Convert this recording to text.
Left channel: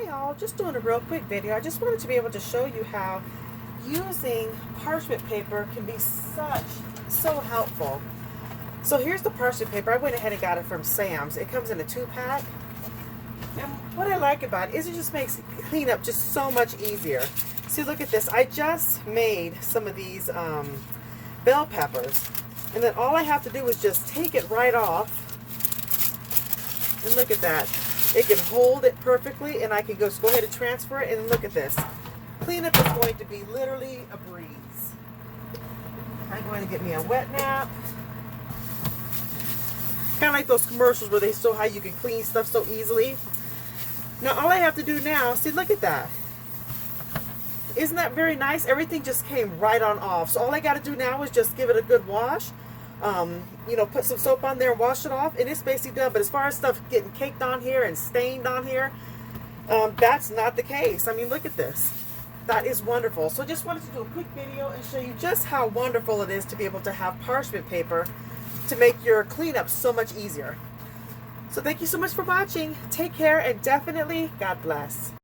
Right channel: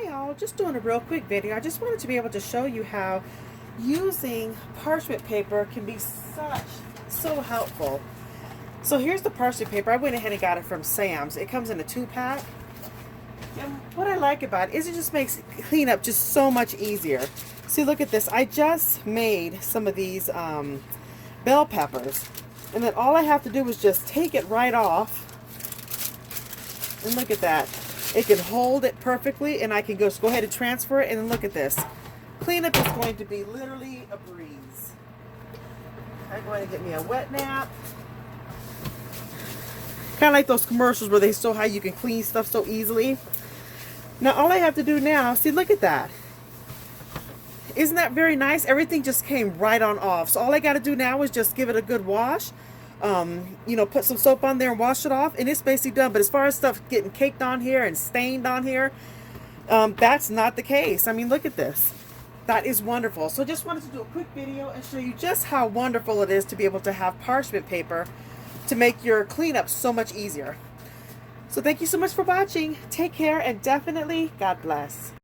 Hi all, just doing a real quick video. I just wanted to be able to show you how using parchment paper can be so helpful. So here's the parchment paper. I went ahead and got it from Sam's. It comes in a 2-pack. And what I like about it is it just makes cleanup just so much easier. See, look at this. I just made some of these bell peppers. And then all I have to do is just take it right off. And look at that. It can hold it perfectly, and I can go ahead and transfer it. And then look at this. Cleanup is going to be literally a breeze. I'm going to get me a wet nap. Kind of like those commercials where they show how you can clean stuff so easily. Now all I have to do now, see, look at that. Isn't that very nice? Everything just came right on off. So all I got to do now is just give it a good wash. You know, put some soap on there and wash it off, and it's basically done. But as far as stuff getting caked on here and stained on here, that's not the case. I mean, look at this. That is wonderful. So just wanted to do a quick video and show you just how wonderful it is to be able to have parchment paper to make your cleanup so much easier. So thank you so much for watching. Take care, and definitely God bless.